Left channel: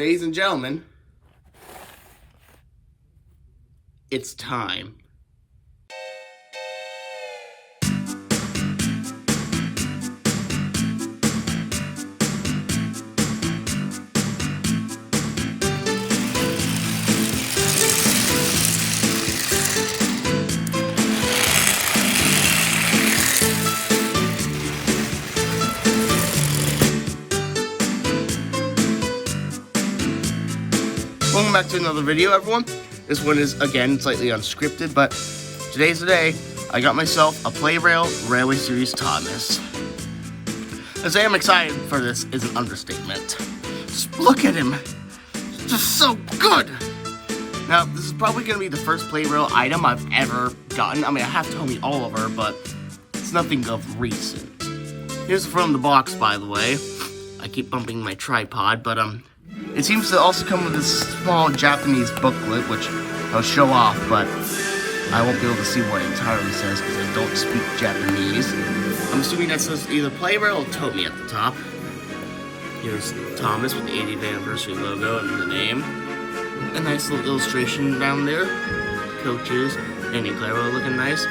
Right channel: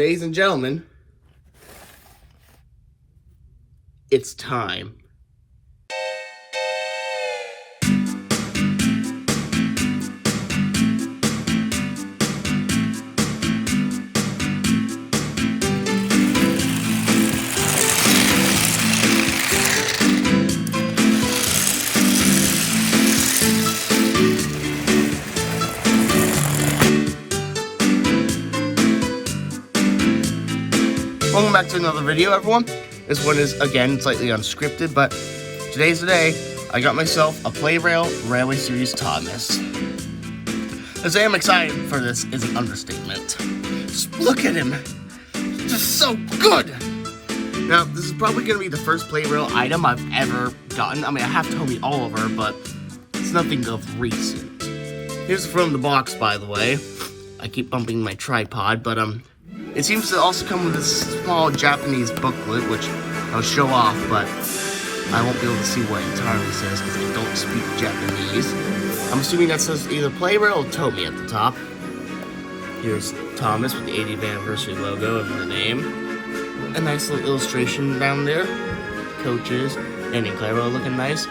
ladies and gentlemen, it's time. Welcome back to another video, everyone. This one is, again, slightly unscripted, but today's the day I got myself a Plarail Railway Series Thomas. To say I'm excited for this is an understatement. Just look at him. This is so good. Now, this is probably going to be the first Plarail item I've ever gotten. I mean, I have told me all over, but it's nothing of recent. Here's from the box, by the way. I keep bumping my tripod, but it seems to also come with this small Japanese booklet, which I'll show off, but I won't be able to see what it entirely says because I don't speak Japanese. I'm assuming that says either Plarail or Tomy at the top. Here's Thomas with the 80th anniversary logo and the name. A nice little illustration down there. Coaches and Plarail looking nice.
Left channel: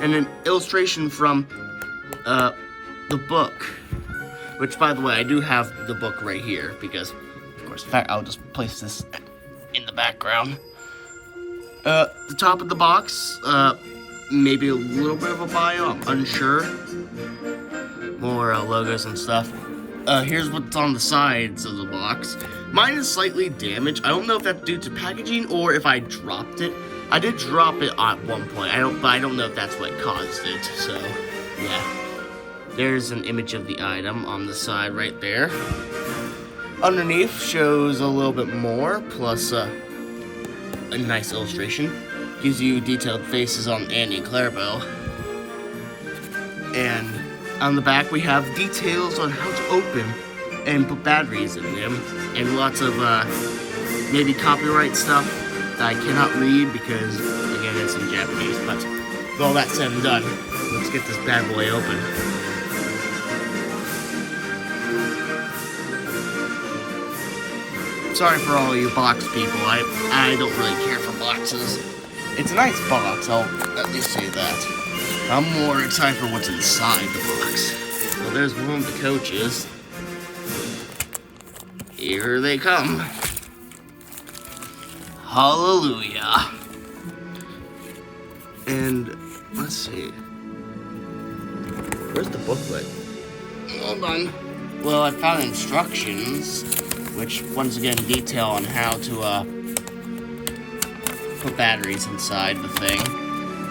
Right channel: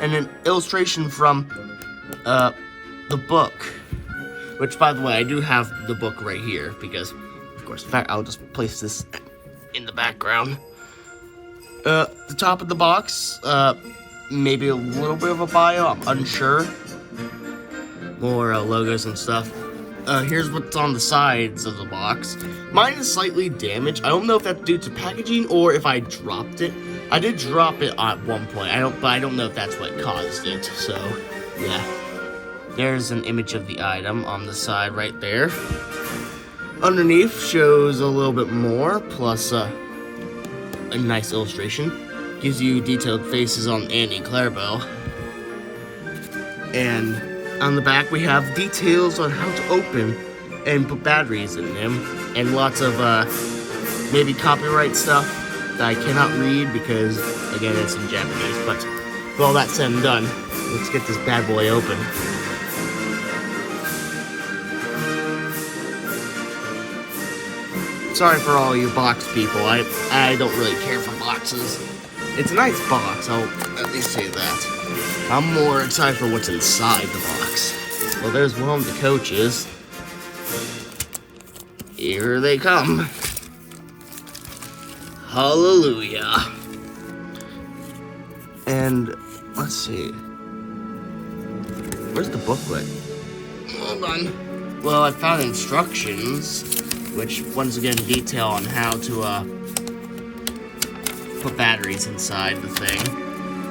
And an illustration from the book. Which, by the way, I do have the book right here because, of course, in fact, I'll just place this in the background. The top of the box, maybe a little bit of a bio, I'm unsure. More logos and stuff. Here's what's on the sides of the box. Mine is slightly damaged. I don't know if that's due to packaging or if I dropped it. I did drop it at one point. But I don't know if that's what caused it. So, yeah. There's an image of the item on the side right there. Underneath shows a little bit more, plus a nice illustration. Gives you detailed faces on Andy and Clarabelle. And on the back we have details on how to open and put batteries in them. And lots of maybe copyright stuff that I cannot read because, again, it's in Japanese. But with all that said and done, let's get this bad boy open. Sorry for all you box people. I don't really care for boxes. It's a nice box, I'll at least say that. I'm more excited for what's inside the box. Well, there's one of the coaches. Here they come. Hallelujah. And let's see. Where's the booklet? Hold on. Well, I found instructions, which once again detail on how to put batteries inside the thing.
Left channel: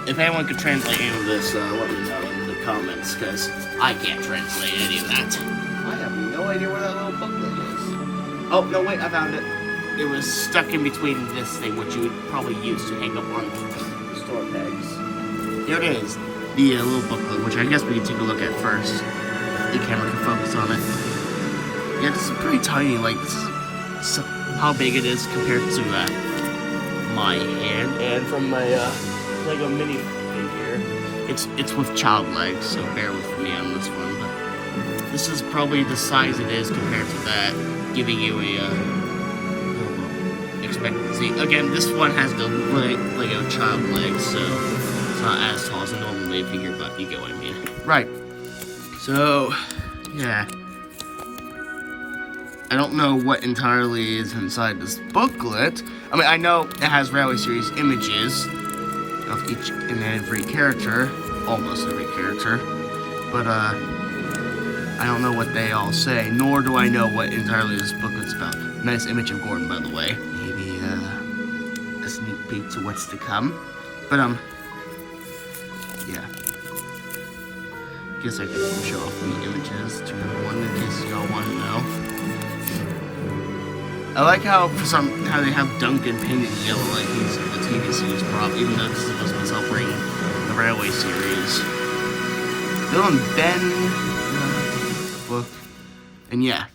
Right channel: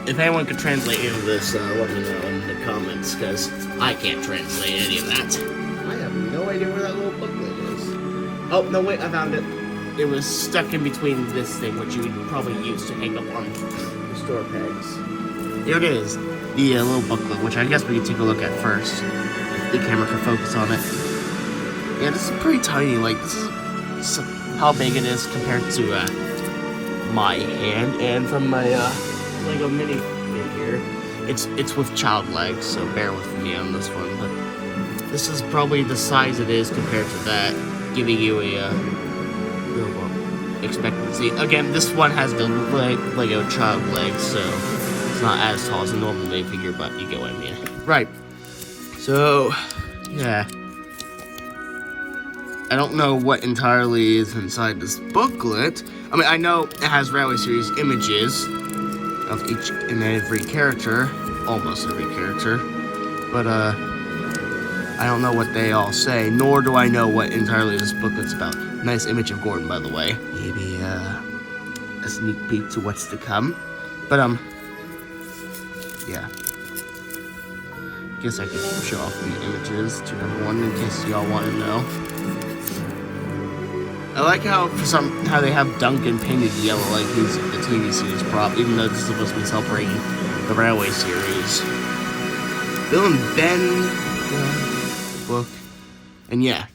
If anyone could translate any of this, let me know in the comments, because I can't translate any of that. I have no idea where that little booklet is. Oh, no, wait, I found it. It was stuck in between this thing, which you would probably use to hang up on the store pegs. Here it is, the little booklet, which I guess we can take a look at first. The camera can focus on it. Yeah, this is pretty tiny. Like, this is how big it is compared to my hand, and from my Lego mini figure. It's with child legs, so bear with me on this one. But this is probably the size it is compared to that, giving you a little expectancy. Again, this one has the Lego child legs, so it's not as tall as a normal mini figure, but you get what I mean. Right. So, yeah. I don't know what entirely is inside this booklet. I mean, I know it has Railway Series images of each and every character, almost every character, but I don't know what they all say, nor do I know what entirely this booklet's about. Nice image of Gordon, by the way. Maybe a sneak peek to what's to come, but yeah. Guess I could show off the images to everyone in case y'all want to know. I like how they have Duncan painted yellow like he's the TV series prop, even though this is supposed to be celebrating the Railway Series. Bill and Ben book, and yeah.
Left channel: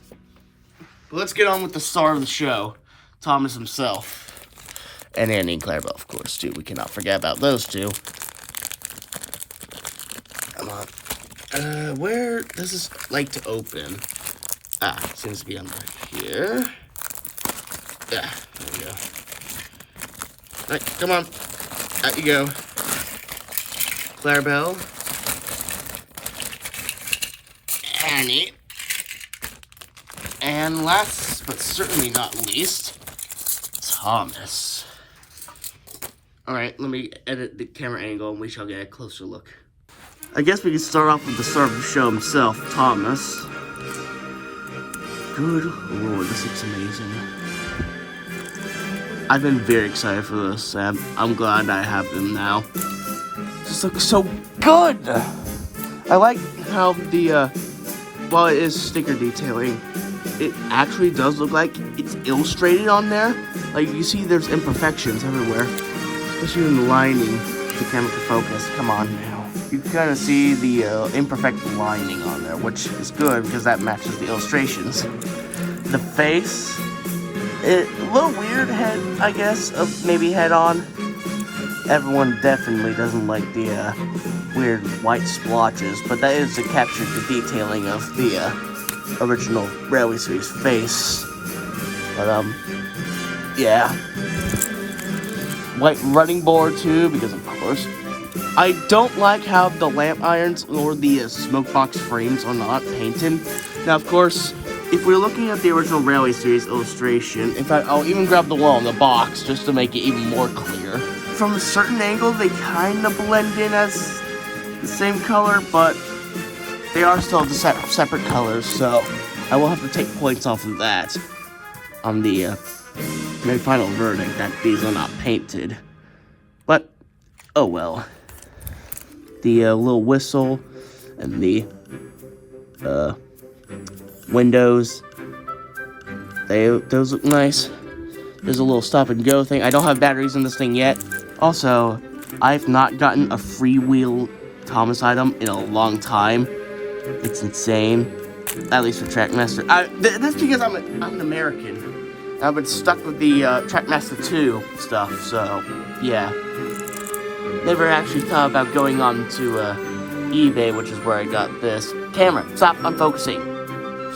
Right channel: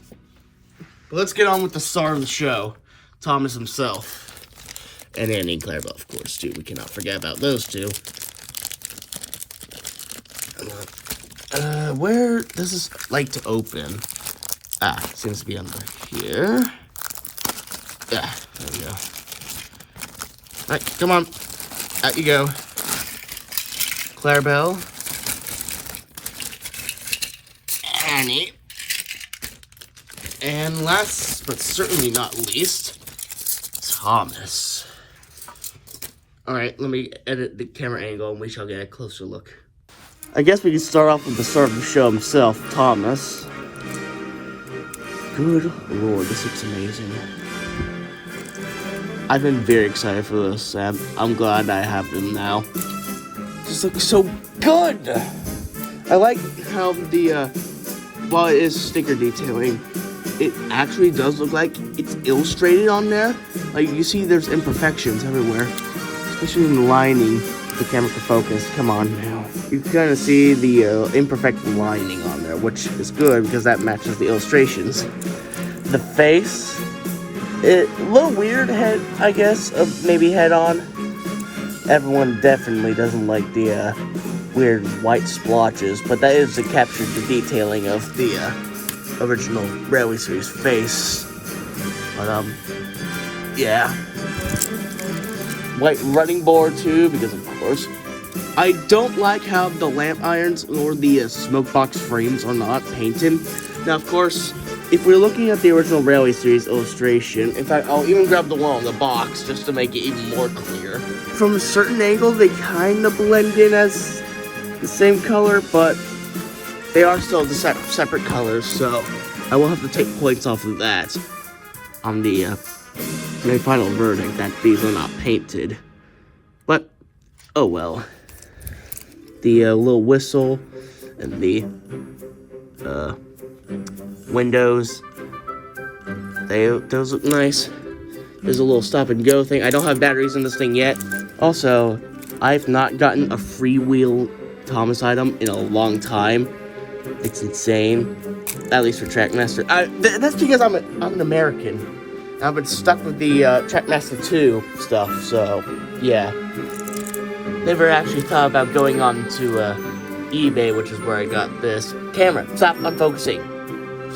But let's get on with the star of the show, Thomas himself, and Andy and Clarabelle, of course, too. We cannot forget about those two. Come on. Where does this like to open? Ah, it seems to be under here. Yeah, there we go. Alright, come on. Out you go. Plarail. Annie. And last, but certainly not least, Thomas. Alright, let me edit the camera angle and we shall get a closer look. I guess we can start off with the star of the show himself, Thomas. Good lord, this looks amazing. I've been very excited for this, and I'm glad I have them now. This looks so good! I like how the, while it is sticker detailing, it actually does look like it's illustrated on there. Like, you see there's imperfections everywhere. Especially in the lining, the camera can focus. Come on now. You can kind of see the imperfect lining on there, which is good because that matches the illustrations. The face, a little weird head, I guess, maybe head on. Everyone definitely doesn't like the weird white splotches, but that is to capture the detailing of the original Railway Series face. But yeah. White running board too, because of course. I don't like how the lamp irons or the smoke box frames are not painted. Now, of course, if we're looking at the original Railway Series illustration, in fact, I'll even grab the wall in the box just to make it even more clear. From a certain angle, they kind of blend in as the same color, but they are still separate colors, so I will have to take points off of that on the my final verdict that these are not painted. But, oh well. The little whistle and the windows, those look nice. There's a little stop and go thing. I don't have batteries in this thing yet. Also, I've not gotten a freewheel Thomas item in a long time. It's insane. At least for Trackmaster. That's because I'm an American. I've been stuck with the Trackmaster 2 stuff, so yeah. Never actually thought about going on to eBay, which is where I got this. Camera, stop unfocusing.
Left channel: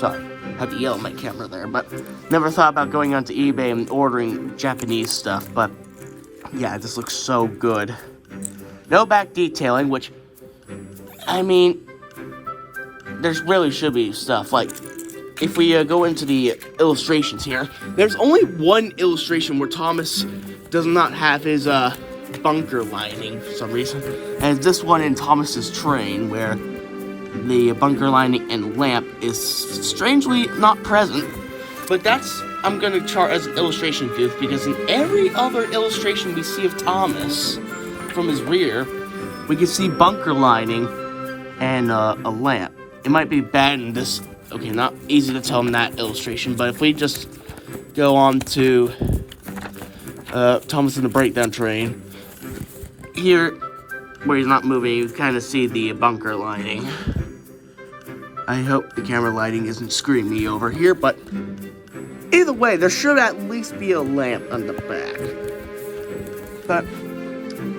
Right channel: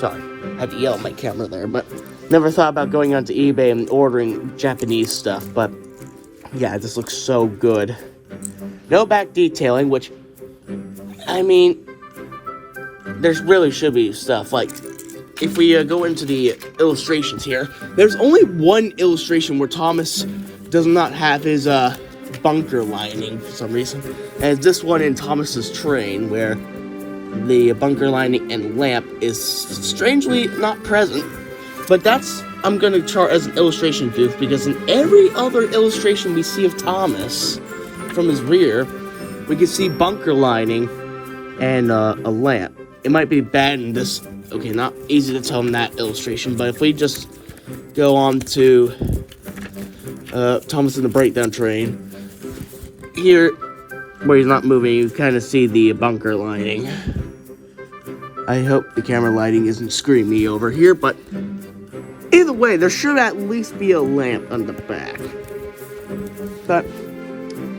Sorry, I had to yell at my camera there, but never thought about going onto eBay and ordering Japanese stuff, but yeah, this looks so good. No back detailing, which, I mean, there really should be stuff. Like, if we go into the illustrations here, there's only one illustration where Thomas does not have his bunker lining for some reason. And it's this one in Thomas's train, where the bunker lining and lamp is strangely not present. But that's, I'm going to chart as an illustration goof, because in every other illustration we see of Thomas from his rear, we can see bunker lining and a lamp. It might be bad in this, okay, not easy to tell in that illustration, but if we just go on to Thomas in the breakdown train, here, where he's not moving, you kind of see the bunker lining. I hope the camera lighting isn't screwing me over here, but either way, there should at least be a lamp on the back. But,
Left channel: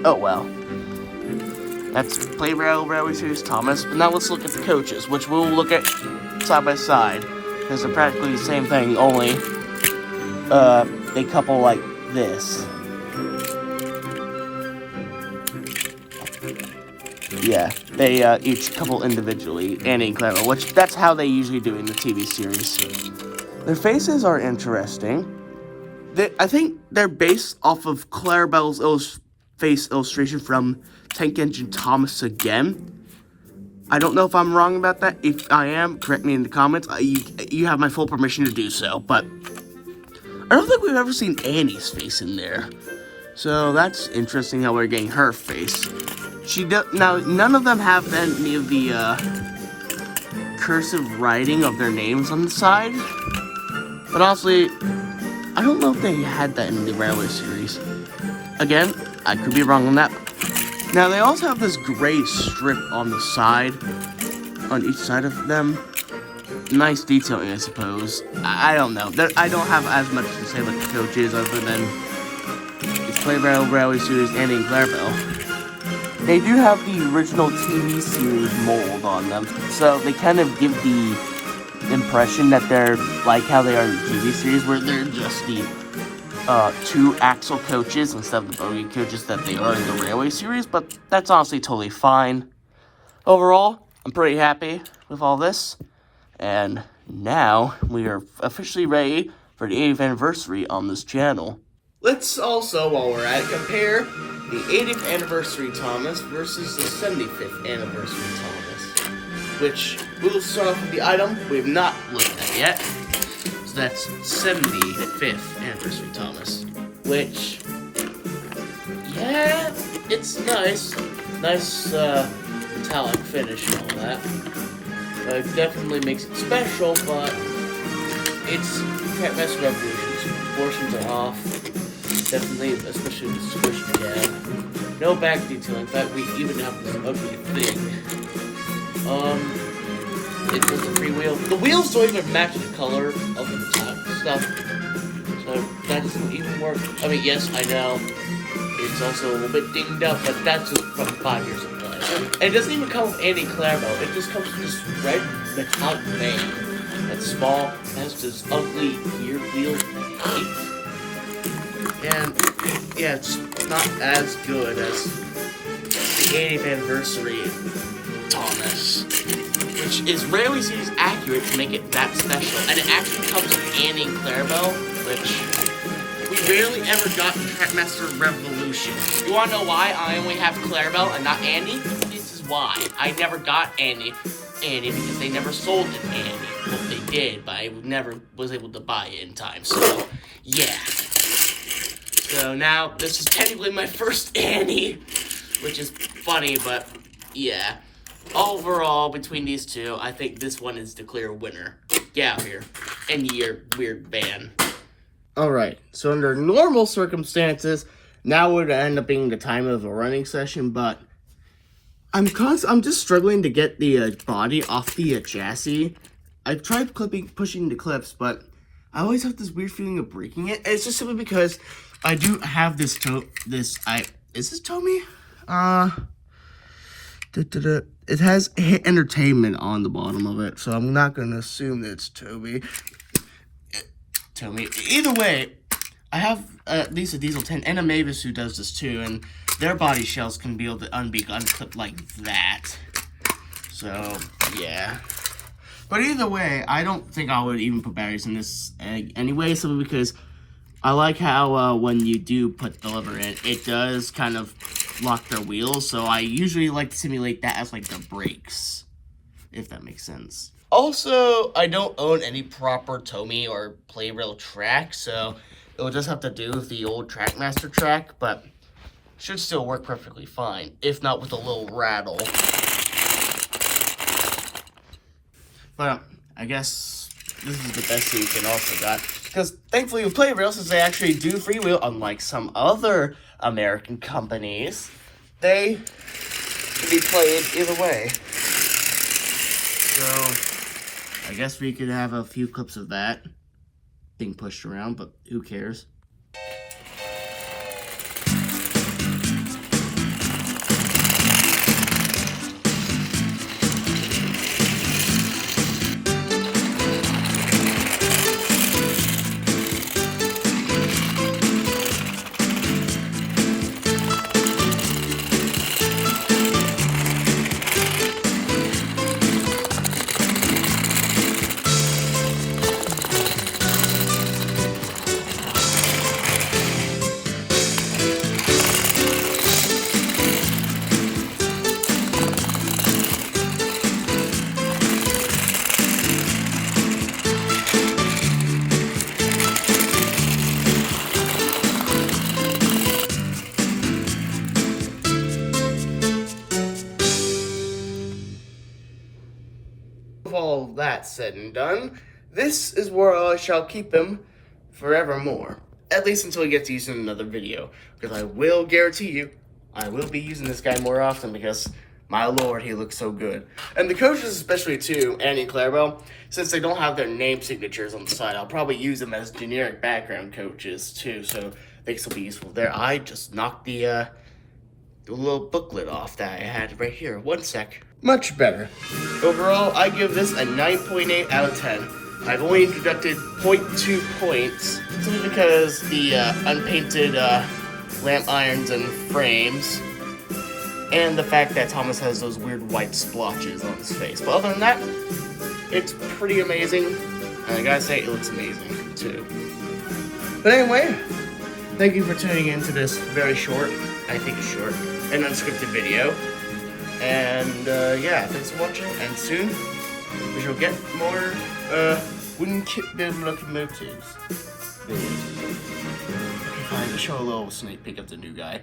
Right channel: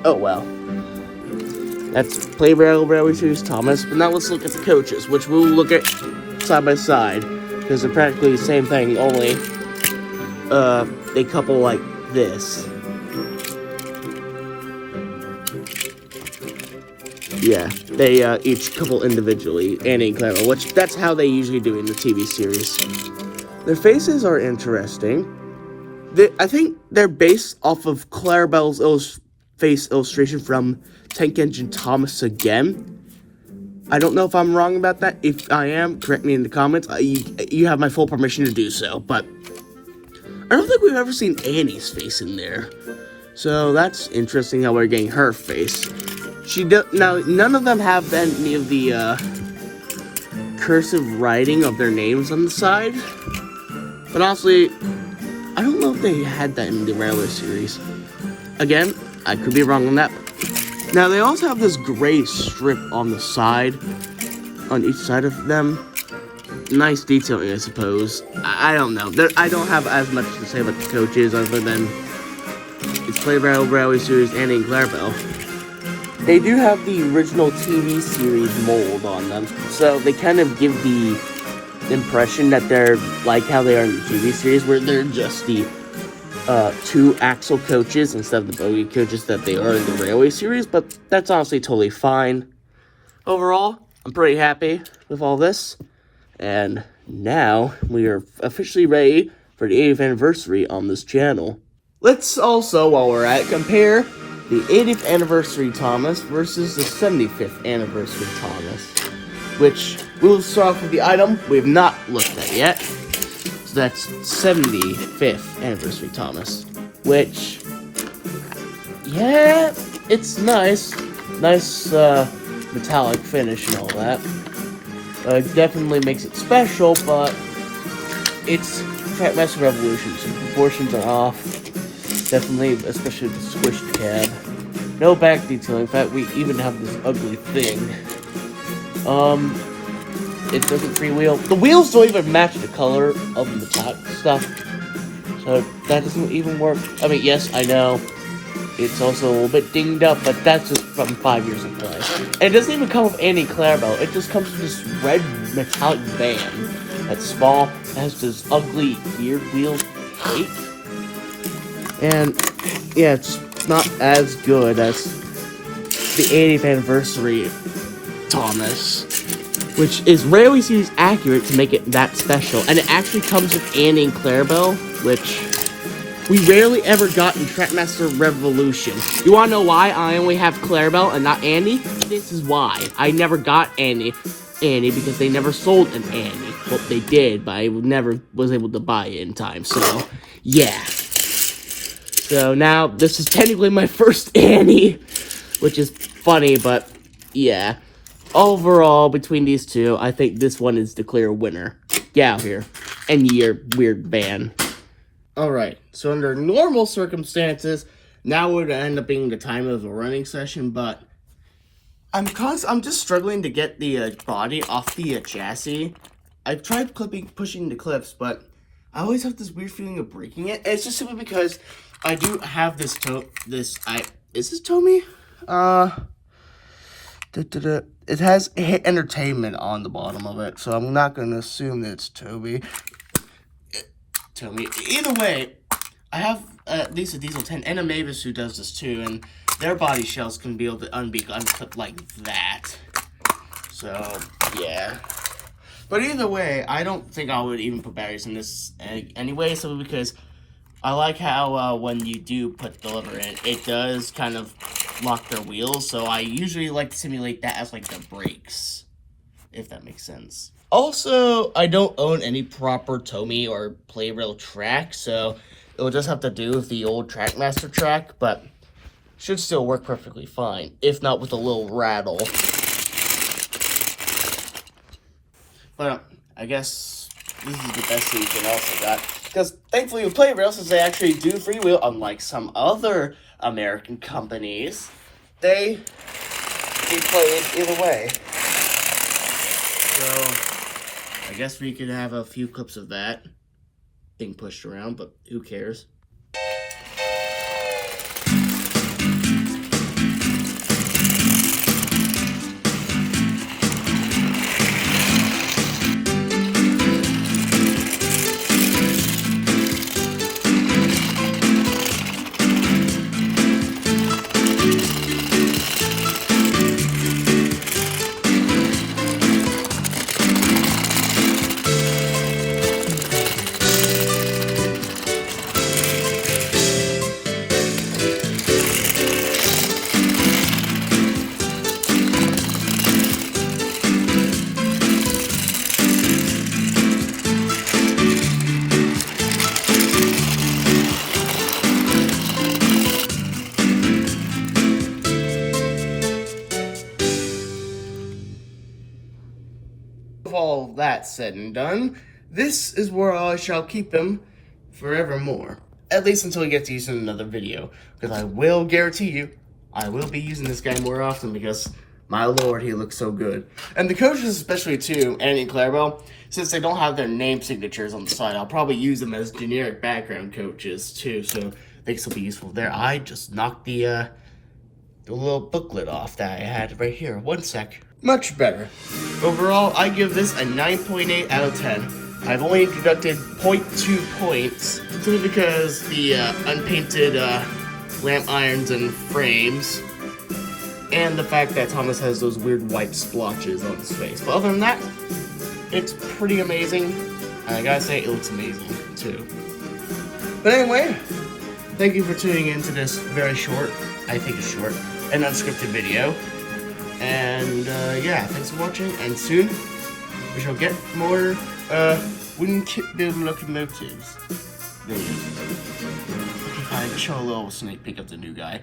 oh well. That's Plarail Railway Series Thomas. But now let's look at the coaches, which we'll look at side by side, because they're practically the same thing, only they couple like this. Yeah, they each couple individually, Annie and Clara, which that's how they usually do in the TV series. Their faces are interesting. I think they're based off of Clarabelle's face illustration from Tank Engine Thomas again. I don't know if I'm wrong about that. If I am, correct me in the comments. You have my full permission to do so, but I don't think we've ever seen Annie's face in there. So that's interesting how we're getting her face. Now, none of them have any of the cursive writing of their names on the side. But honestly, I don't know if they had that in the Railway Series. Again, I could be wrong on that. Now, they also have this gray strip on the side, on each side of them. Nice detailing, I suppose. I don't know. I don't have as much to say about the coaches other than it's Plarail Railway Series, Annie and Clarabelle. They do have the original TV series mold on them, so they kind of give the impression that they're like how they are in the TV series, where they're just the 2 axle coaches instead of the bogey coaches that they are in the Railway Series, but that's honestly totally fine. Overall, I'm pretty happy with all this, and now we are officially ready for the 80th anniversary on this channel. Let's also, while we're at it, compare the 80th anniversary Thomas versus the 75th anniversary Thomas, which we'll start off with the item we've not looked at yet. So that's 75th anniversary Thomas, which, yeah, it's nice. Nice metallic finish and all that. It definitely makes it special, but it's Trackmaster Revolution, so proportions are off. Definitely, especially the squishy pad. No back detail. In fact, we even have this ugly thing. It's just a freewheel. The wheels don't even match the color of the metallic stuff, so that doesn't even work. I mean, yes, I know it's also a little bit dinged up, but that's just from 5 years of play. And it doesn't even come with any Plarail. It just comes with this red metallic band that's small. It has this ugly gear wheel shape. And, yeah, it's not as good as the 80th anniversary Thomas, which is rarely seems accurate to make it that special. And it actually comes with Annie and Plarail, which we rarely ever got in Trackmaster Revolution. You wanna know why I only have Plarail and not Annie? This is why. I never got Annie because they never sold an Annie. Well, they did, but I never was able to buy it in time, so, yeah. So now, this is technically my first Annie, which is funny, but yeah. Overall, between these two, I think this one is the clear winner. Get out here. End your weird ban. Alright, so under normal circumstances, now would end up being the time of a running session, but I'm just struggling to get the body off the chassis. I've tried pushing the clips, but I always have this weird feeling of breaking it. It's just simply because I do have this is this Tomy? It has Hit Entertainment on the bottom of it, so I'm not gonna assume that it's Tomy. Either way, I have at least a Diesel 10 and a Mavis who does this too, and their body shells can be able to unclipped like that. So, yeah. But either way, I don't think I would even put batteries in this anyway, simply because I like how when you do put the lever in, it does kind of lock their wheels, so I usually like to simulate that as like the brakes, if that makes sense. Also, I don't own any proper Tomy or Plarail track, so it will just have to do with the old Trackmaster track, but should still work perfectly fine, if not with a little rattle. But I guess this is the best solution I also got, because thankfully with Plarail, since they actually do freewheel, unlike some other American companies, they played either way. So I guess we could have a few clips of that being pushed around, but who cares? With all that said and done, this is where I shall keep him forevermore. At least until he gets used in another video. Because I will guarantee you, I will be using this guy more often because, my lord, he looks so good. And the coaches especially too, Annie and Plarail, since they don't have their name signatures on the side, I'll probably use them as generic background coaches too, so they can still be useful there. I just knocked the little booklet off that I had right here. One sec. Much better. Overall, I give this a 9.8 out of 10. I've only deducted 0.2 points simply because the unpainted lamp irons and frames, and the fact that Thomas has those weird white splotches on his face. But other than that, it's pretty amazing. And I gotta say, it looks amazing too. But anyway, thank you for tuning in to this very short, I think it's short, and unscripted video. And yeah, thanks for watching, and soon we shall get more wooden kit build locomotives. Okay, fine, show a little sneak peek of the new guy.